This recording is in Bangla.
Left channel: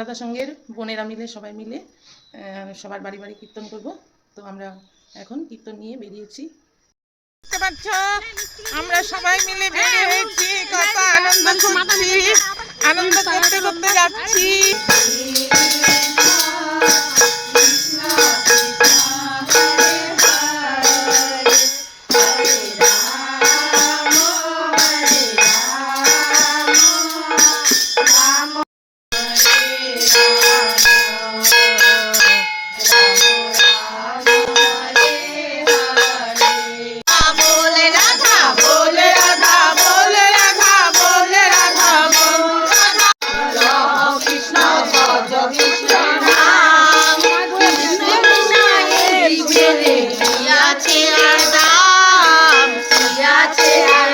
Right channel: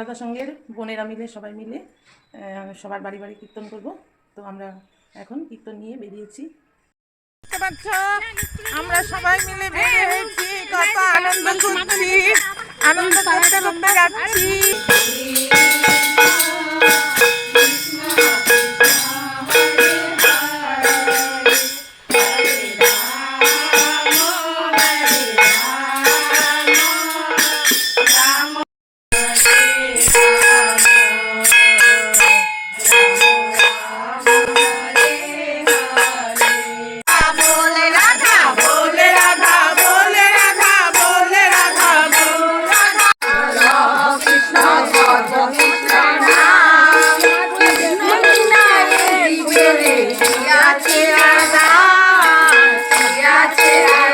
সারদা সঙ্গের বোনেরা মিলে সবাই মিলে সবার বাড়ি বাড়ি কীর্তন করব। তো আমরা এখন কীর্তন নিয়ে বেরিয়েছি। দেখতে পাচ্ছ আমরা সবাই মিলে বের হয়েছি, কত আনন্দ করছি, আনন্দ করতে করতে যাচ্ছি। Yeah.